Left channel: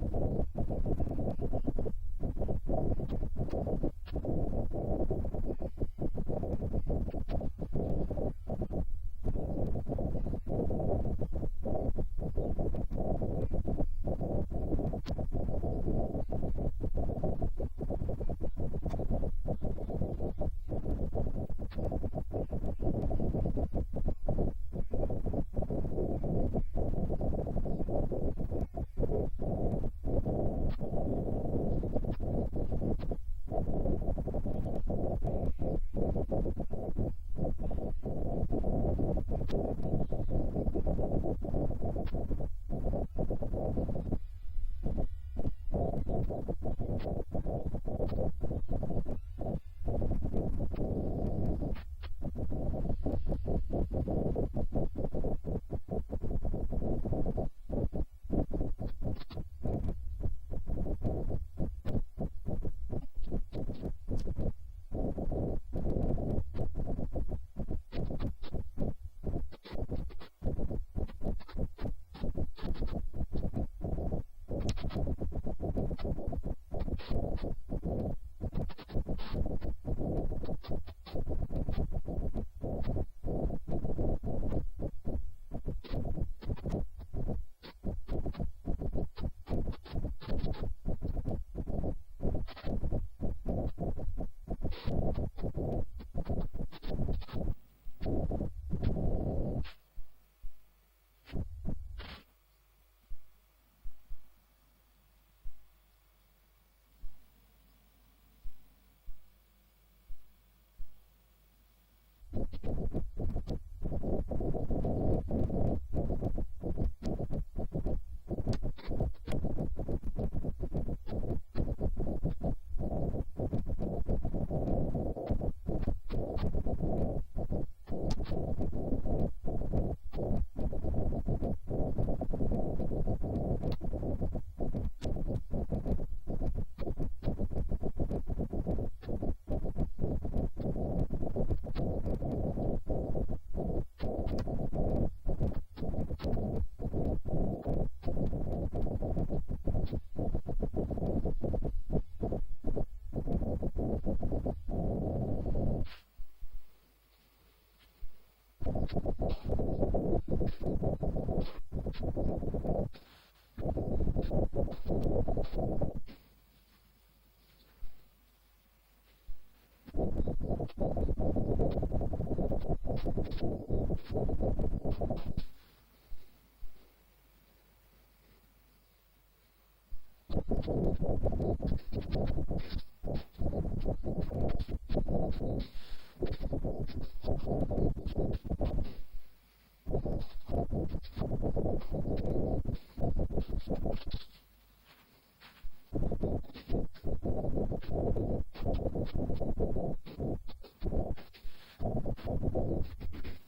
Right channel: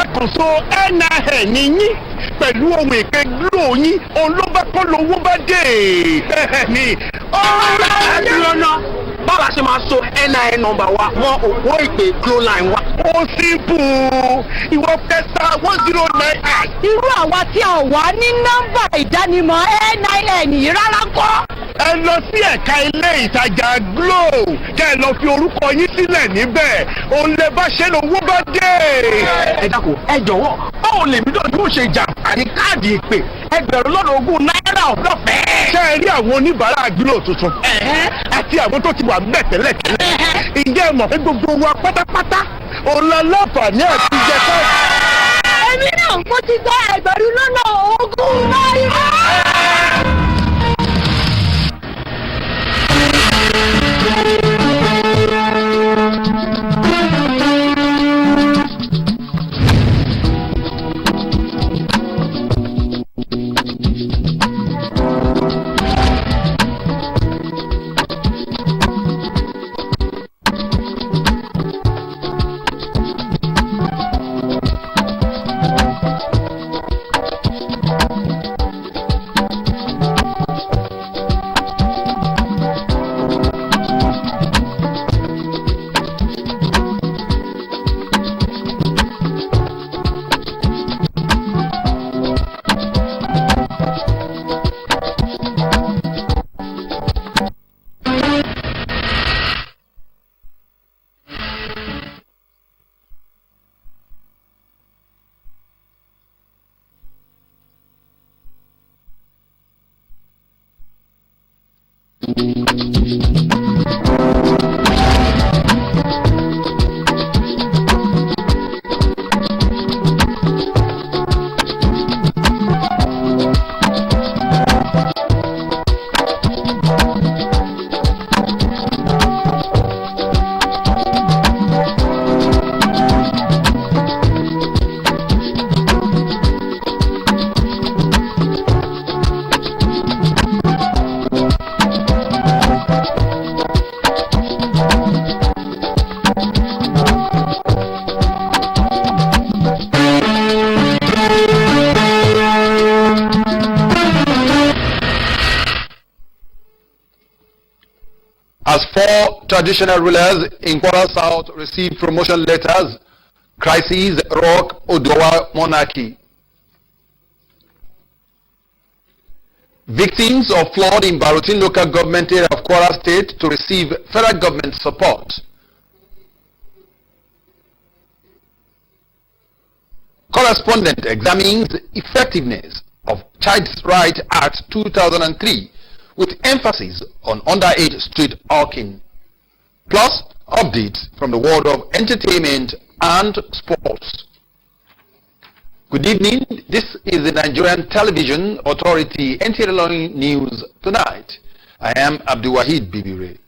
ẹ̀kọ́sọ NIN ní yín pẹ̀lú ohun èké glo yín olóbákọ́ lówó bá dé ní. ẹ̀dúró náà báwa ṣe máa so NIN nọ́mbà wa mọ́ òpó ìpè glo line wa. ó simple ìwọ pẹ́sà 109. irú àwa tí a wà ní nọ́mbà ìdánimọ̀ NIN yìí rárá kọ́. ẹ lọ sí ẹ̀ka ilé ìtajà glo kẹ́ ẹ lọ fi orúkọ yín sílẹ̀ níbẹ̀ òun lè bá ṣe lówó bá dé. ẹ dákun ẹ jọ̀wọ́ báwo lèmi náà yóò ṣe jàǹfààní káàdì ìpè $20 ọ̀fẹ́. ṣé ẹ rí àwọn oníbàárà glo tuntun àti àwọn tó ti wà bẹ́ẹ̀ tẹ́lẹ̀tẹ́lẹ̀ ǹjẹ́ ẹ mọ̀ pé gbogbo wa pátápátá òun lọ láǹfààní àti jẹ káàdì. èmi náà mo ti gba $20 náírà. As 4 traditional rulers in Kwara South received promotion letters, crises rock Odowa monarchy. Victims of flood in Barutin local government area of Kwara State to receive federal government support. Correspondent examines effectiveness of Child's Right Act 2003 with emphasis on underage street hawking. Plus, updates from the world of entertainment and sports. Good evening. This is the Nigerian Television Authority NTA ILORIN News Tonight. I am Abdul Wahid Bibire.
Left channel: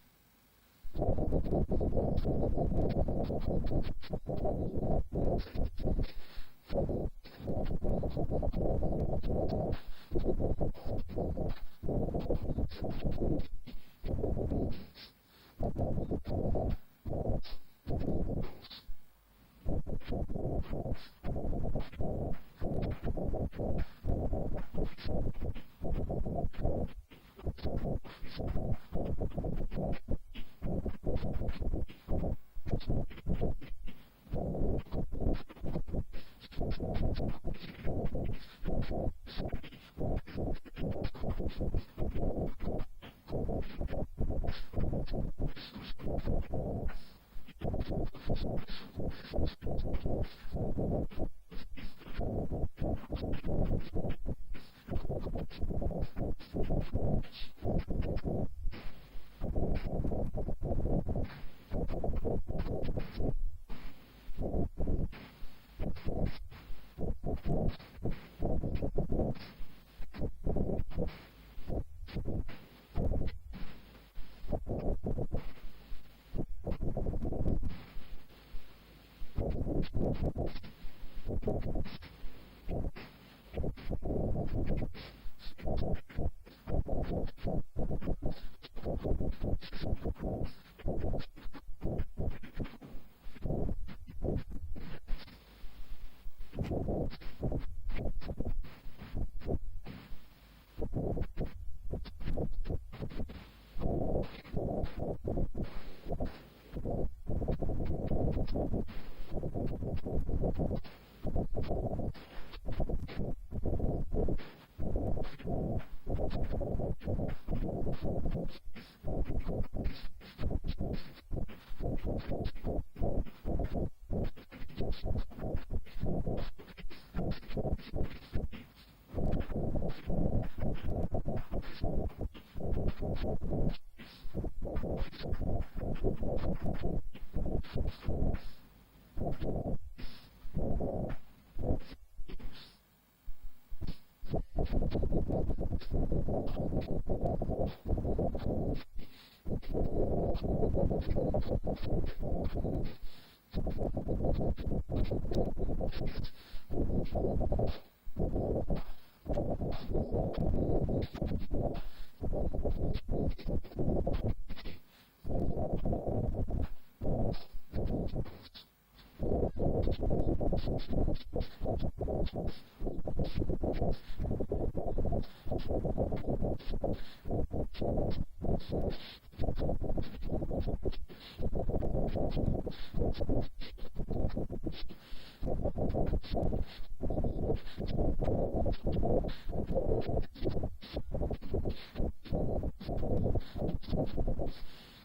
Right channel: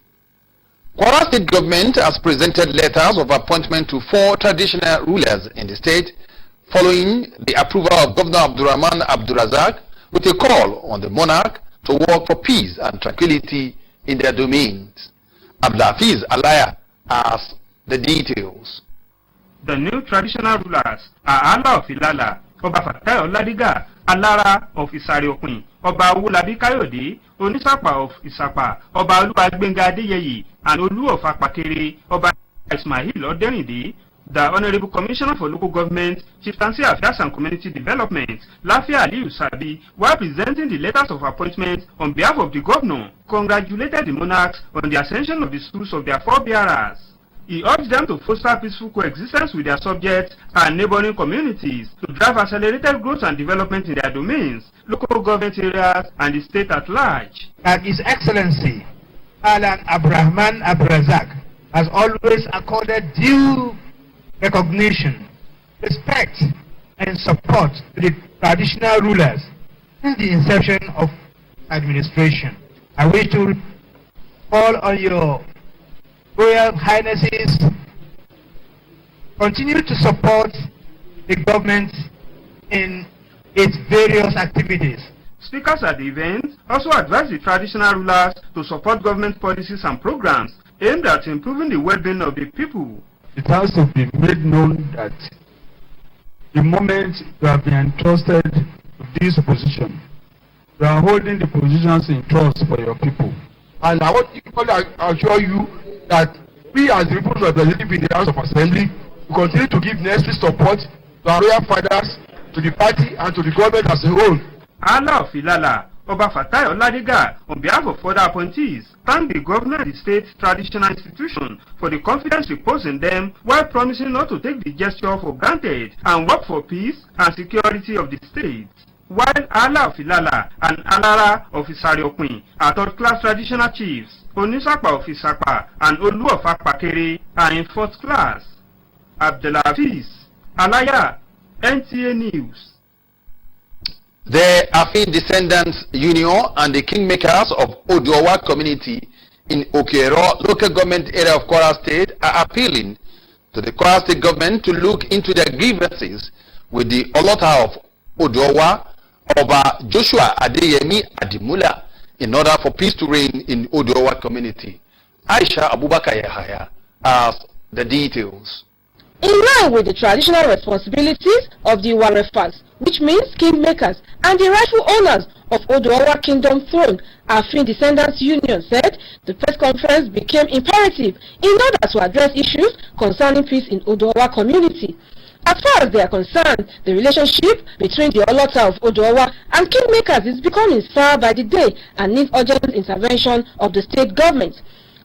Kwara State government has presented letters of appointment to 4 traditional rulers in the state following the approval of Governor Abdurrahman Abdurazak with a call on the monarch to work for peace and tranquility in their domains. Abdulafiz Alaya has the details. The new traditional rulers are Allah of Ilala, Oba Fatai Oladiga, Alara of Isariokun, Oba Owolabi Kayode, Onisapa of Isapa, Oba Olubagbenga Adeyeyi, and Olu of Apakere, Oba Ismail Oderinde. The Honorable Commissioner for Local Government, Chieftaincy Affairs and Community Development, Lafia Aliyu Sabi, while presenting the letters of appointment on behalf of the governor, congratulated the monarchs on the ascension of the schools of their forebearers. He urged them to foster peaceful coexistence with their subjects and neighboring communities to drive accelerated growth and development in their domains, local government areas, and the state at large. And His Excellency, Alan Abdurrahman Abdurazak, has always accorded due recognition, respect, and support to the traditional rulers since the inception of administration. I wish to call on your Royal Highnesses continue to support the government in its various activities. Speakers at the event also advised the traditional rulers to support government policies and programs aimed at improving the well-being of the people. it has to be made known that the moment you have been entrusted with this position, you are holding the positions in trust for your people. And I want to assure you that we as the people representing in the House of Assembly will continue to give necessary support to our royal fathers, to the party and to the government as a whole. Allah of Ilala, Oba Fatai Oladiga, on behalf of other appointees, thank the governor and the state traditional institution for the confidence reposed in them while promising not to take the gesture for granted and work for peace and security of the state. While Allah of Ilala and Alara of Isariokun are third-class traditional chiefs, Onisapa of Isapa and Olu of Apakere are in fourth class. Abdelaziz, Alaya, NTA News. The Afin Descendants Union and the Kingmakers of Odowa community in Okero local government area of Kwara State are appealing to the Kwara State government to look into their grievances with the Olota of Odowa, Oba Joshua Adeyemi Adimula, in order for peace to reign in Odowa community. Aisha Abubakar Yahaya has the details. In line with the traditional responsibilities of the Warefas, which means kingmakers and the rightful owners of Odowa Kingdom throne, Afin Descendants Union said the press conference became imperative in order to address issues concerning peace in Odowa community. As far as they are concerned, the relationship between the Olota of Odowa and kingmakers is becoming sour by the day and needs urgent intervention of the state government.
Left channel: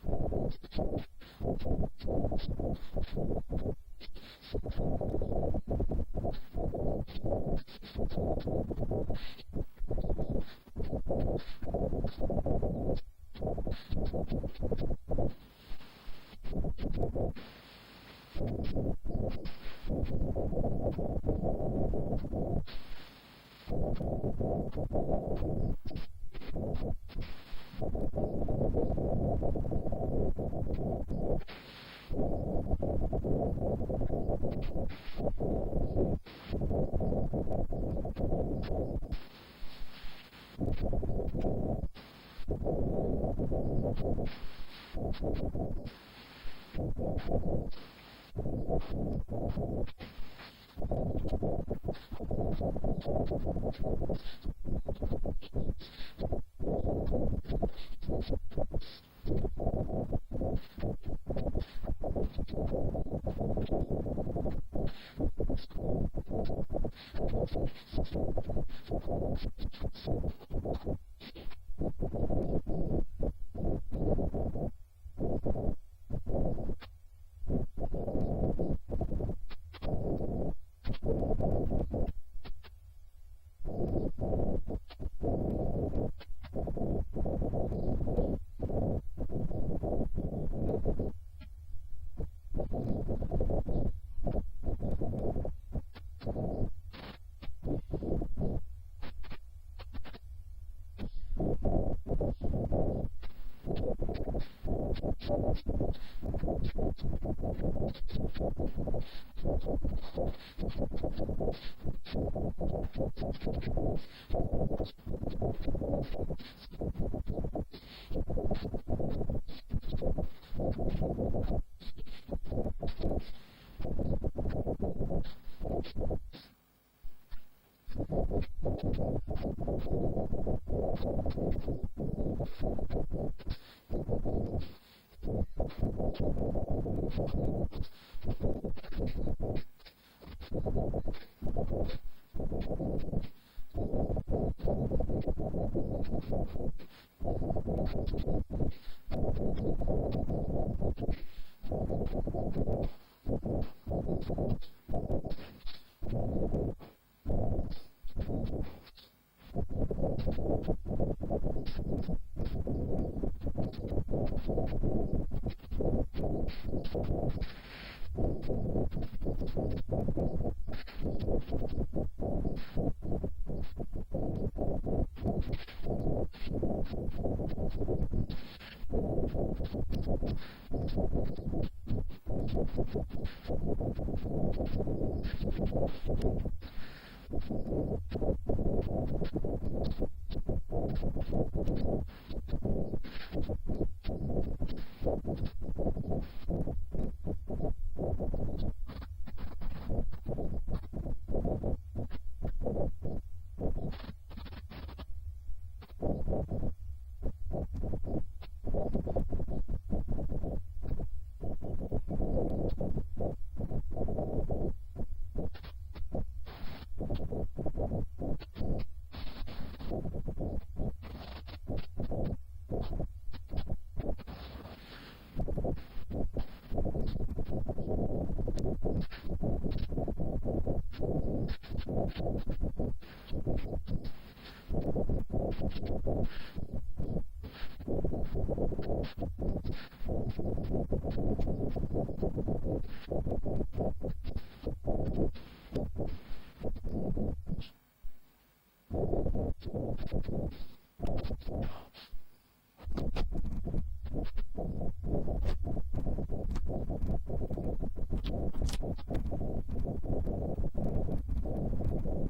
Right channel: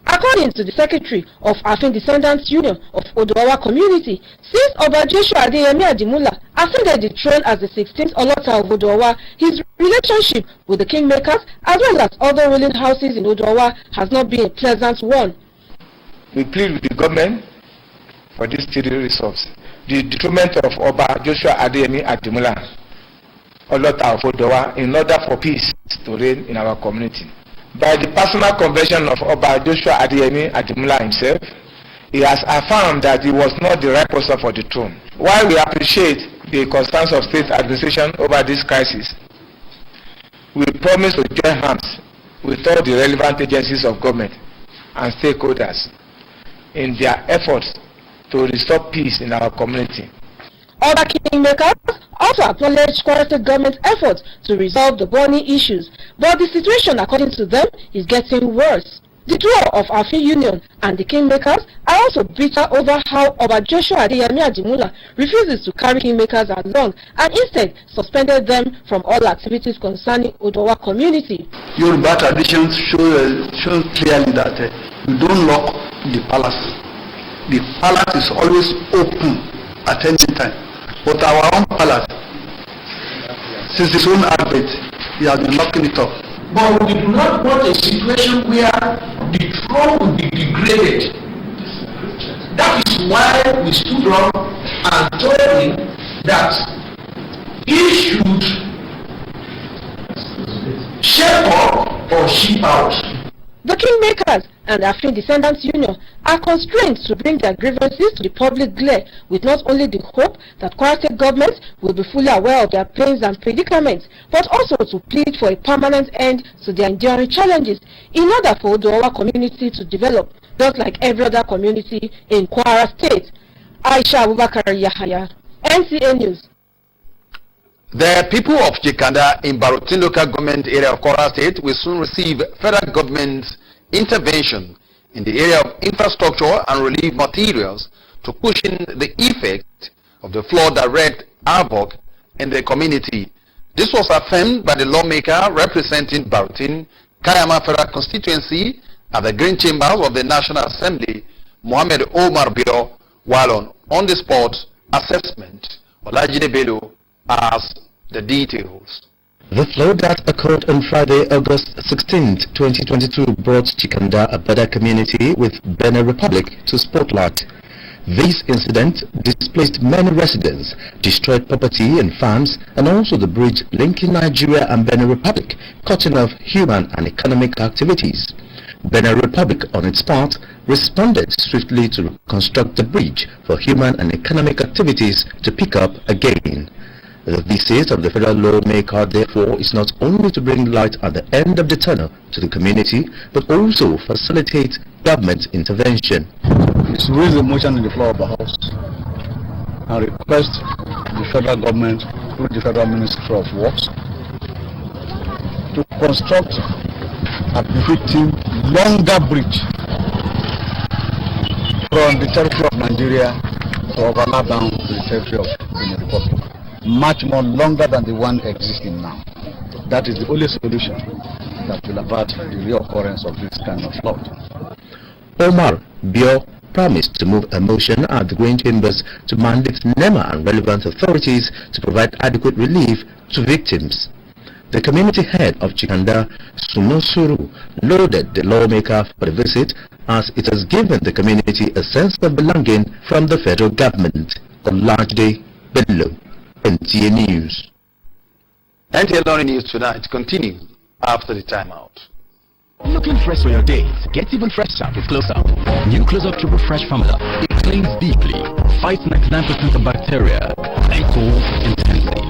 According to the secretary of Afin Descendants Union of Odowa community, since Oba Joshua Adeyemi Adimula ascended the throne as the 16th Olota of Odowa, his relationship with the kingmakers as well as other ruling houses in Odowa has not been a pleasant one. We plead with the government for this steady resource. The detriment of Oba Joshua Adeyemi Adimula, Olota of Odowa, in order for peace to reign in our community. By the personal conversion of Oba Joshua Adeyemi Adimula himself, he has affirmed that he was not the right person for the throne. While we appreciate the concerns of state administration over this crisis, we promise to join hands with all the relevant agencies of government and stakeholders in their efforts to restore peace in our community. Other kingmakers also acknowledged Kwara State government's efforts to resolve the burning issues, but the situation, according to them, is getting worse. The duo of Afin Union and the kingmakers are also bitter over how Oba Joshua Adeyemi Adimula refuses to carry kingmakers along and instead suspended them from all activities concerning Odowa community. Yoruba traditions show clearly that we don't lock the palace. The palace is always open at any time. But our own palace, since its own advent, we have been locking it up. But we do not want a situation where the throne will be degraded. That is why we stood up and told him that he should shape up or ship out. The kingmakers and Afin Descendants Union are constrained to bring their grievances to the public glare with not only the hope that Kwara State government will be fully aware of their pains and predicaments, but also to plead for a permanent end to their enduring challenges in order for the Odowa community to develop, just like every other community in Kwara State. Aisha Abubakar Yahaya, NTA News. The people of Jikanda in Barutin local government area of Kwara State will soon receive federal government intervention in the area of infrastructure and relief materials to cushion the effect of the flood that wreaked havoc in the community. This was affirmed by the lawmaker representing Barutin, Kayama Federal Constituency at the Green Chambers of the National Assembly, Mohammed Omar Bio, while on the spot assessment. Olajide Bello has the details. The flood that occurred on Friday, August 16, 2022 brought Chikanda, a border community with Benin Republic, to spotlight. This incident displaced many residents, destroyed property and farms, and also the bridge linking Nigeria and Benin Republic, cutting off human and economic activities. Benin Republic, on its part, responded swiftly to reconstruct the bridge for human and economic activities to pick up again. The visit of the federal lawmaker, therefore, is not only to bring light at the end of the tunnel to the community, but also facilitate government intervention. is to raise a motion in the floor of the House and request the federal government through the Federal Ministry of Works to construct a befitting longer bridge from the territory of Nigeria to overlap down to the territory of the Republic, much more longer than the one existing now. That is the only solution that will avert the reoccurrence of this kind of flood. Omar Bio promised to move a motion at the Green Chambers to mandate NEMA and relevant authorities to provide adequate relief to victims. The community head of Chikanda, Sunosuru, lauded the lawmaker for the visit as it has given the community a sense of belonging from the federal government. Olajide Bello, NTA News. NTA ILORIN News Tonight continues after the timeout. Looking fresh for your days? Get even fresher with Close Up. New Close Up Triple Fresh formula. It cleans deeply, fights 99% of bacteria, and cools intensely,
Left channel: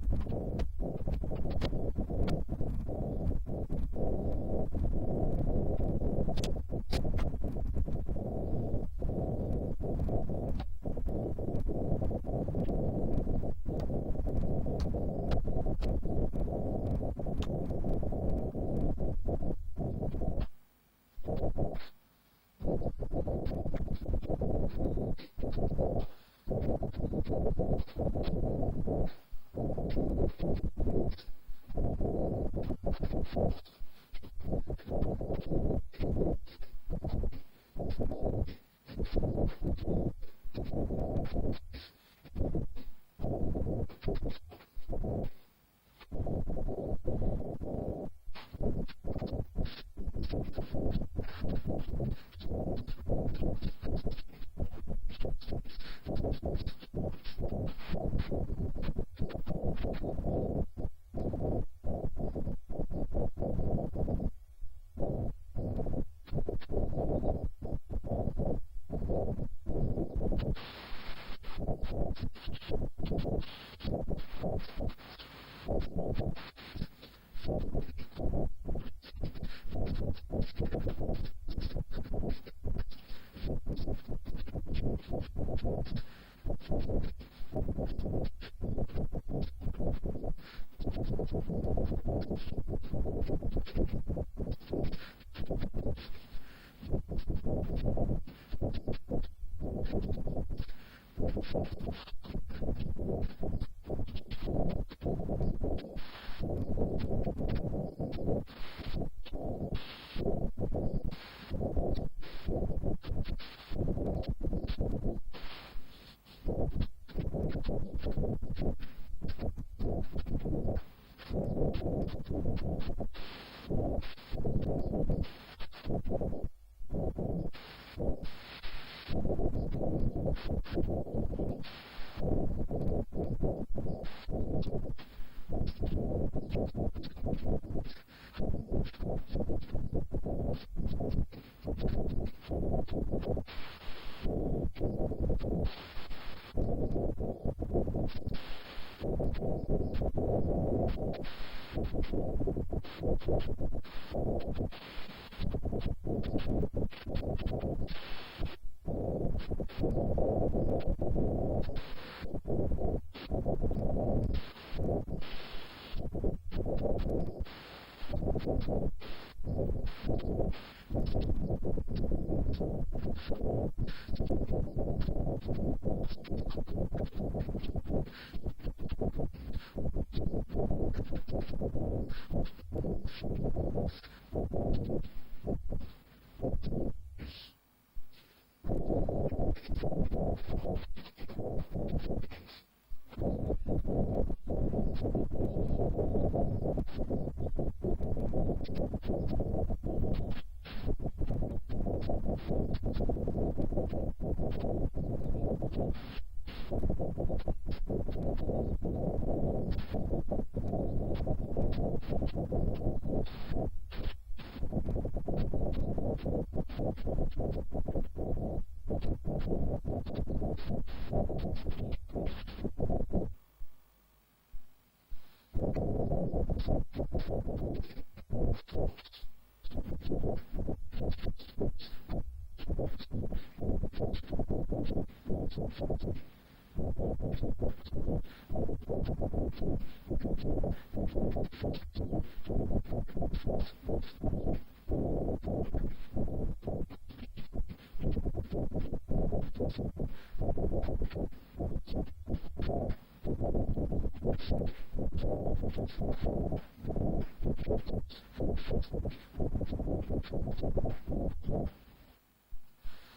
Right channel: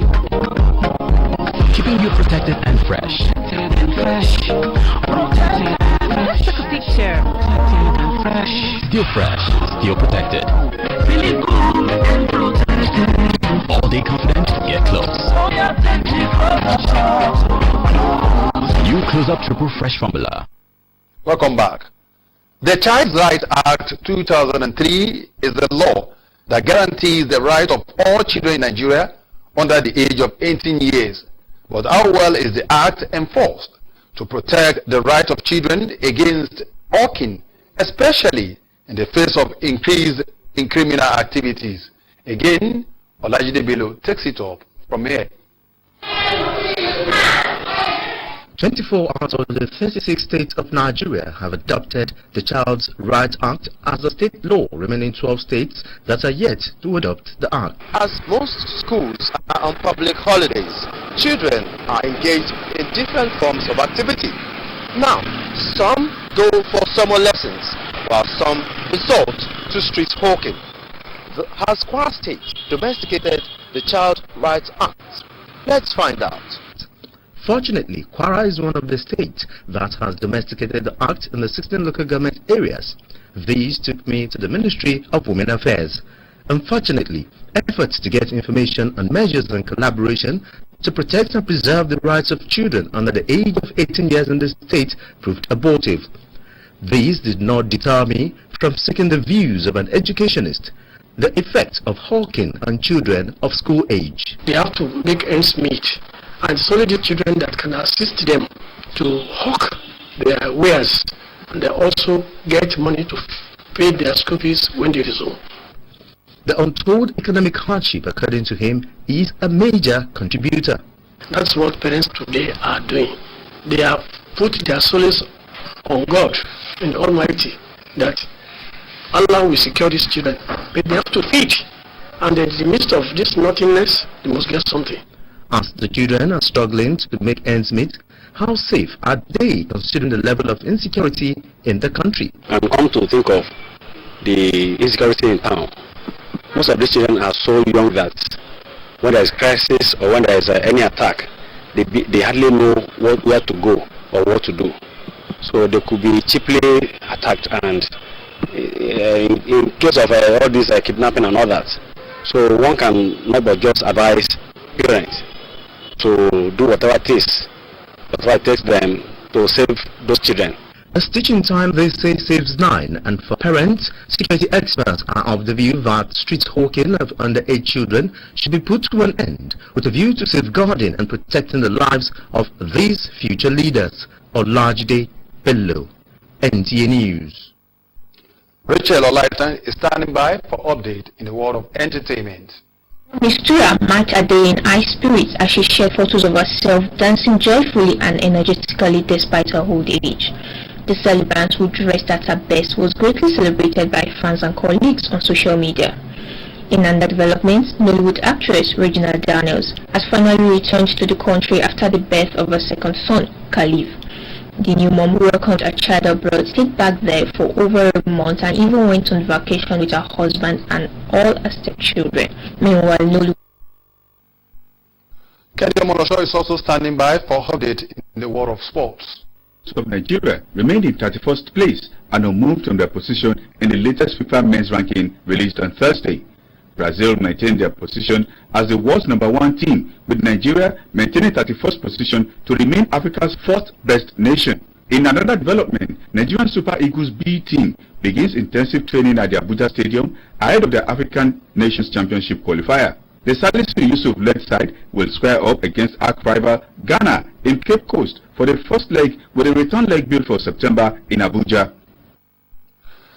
keeping you protected and fresh. Protected and fresh. Protected and fresh. Take a picture. Protected and fresh. Still fresh, still protected. Feeling good and protected. All day confident, get close. New Close Up Triple Fresh formula. Welcome back. The Child Rights Act 2003 is the law that guarantees the right of all children in Nigeria under the age of 18 years. But how well is the act enforced to protect the right of children against hawking, especially in the face of increase in criminal activities? Again, Olajide Bello takes it up from here. 24 out of the 36 states of Nigeria have adopted the Child Rights Act as a state law, remaining 12 states that are yet to adopt the act. As most schools are on public holidays, children are engaged in different forms of activity. Now, some go for summer lessons, while some resort to street hawking. Has Kwara State domesticated the Child Rights Act? Let's find out. Fortunately, Kwara is one of the states that has domesticated the act in the 16 local government areas. These took me to the Ministry of Women Affairs. Unfortunately, efforts to get information on measures and collaboration to protect and preserve the rights of children under the age of 18 years in the state proved abortive. These did not deter me from seeking the views of an educationist. The effect of hawking on children of school age. They have to make ends meet, and it's only the children that can assist them to hawk their wares, and they also get money to pay their school fees when they resume. The untold economic hardship, according to him, is a major contributor. That's what parents today are doing. They have put their solace on God and the Almighty, that Allah will secure these children, but they have to eat, and in the midst of this nothingness, they must get something. As the children are struggling to make ends meet, how safe are they considering the level of insecurity in the country? And come to think of the insecurity in town, most of these children are so young that when there is crisis or when there is any attack, they hardly know where to go or what to do. So they could be cheaply attacked, and in case of all this kidnapping and all that, so one can not but just advise parents to do whatever it takes them to save those children. A stitch in time, they say, saves 9, and for parents, security experts are of the view that street hawking of underage children should be put to an end with a view to safeguarding and protecting the lives of these future leaders. Olajide Bello, NTA News. Rachel Olaita is standing by for update in the world of entertainment. Miss Tura marked her day in high spirits as she shared photos of herself dancing joyfully and energetically despite her old age. The celebrant, who dressed at her best, was greatly celebrated by fans and colleagues on social media. In another development, Nollywood actress Regina Daniels has finally returned to the country after the birth of her second son, Khalif. The new mom welcomed her child abroad, stayed back there for over a month, and even went on vacation with her husband and all her stepchildren. Meanwhile, Nollywood. Kendi Omorosho is also standing by for update in the world of sports. of Nigeria remained in 31st place and unmoved from their position in the latest FIFA men's ranking released on Thursday. Brazil maintained their position as the world's #1 team, with Nigeria maintaining 31st position to remain Africa's 4th best nation. In another development, Nigerian Super Eagles B team begins intensive training at the Abuja Stadium ahead of the African Nations Championship qualifier. The Salisu Yusuf-led side will square up against arch-rival Ghana in Cape Coast for the first leg, with a return leg built for September in Abuja.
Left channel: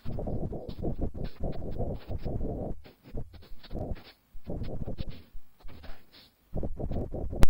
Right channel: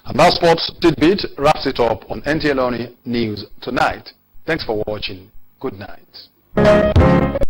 And that sports tidbit wraps it up on NTA ILORIN News Tonight. Thanks for watching. Good night.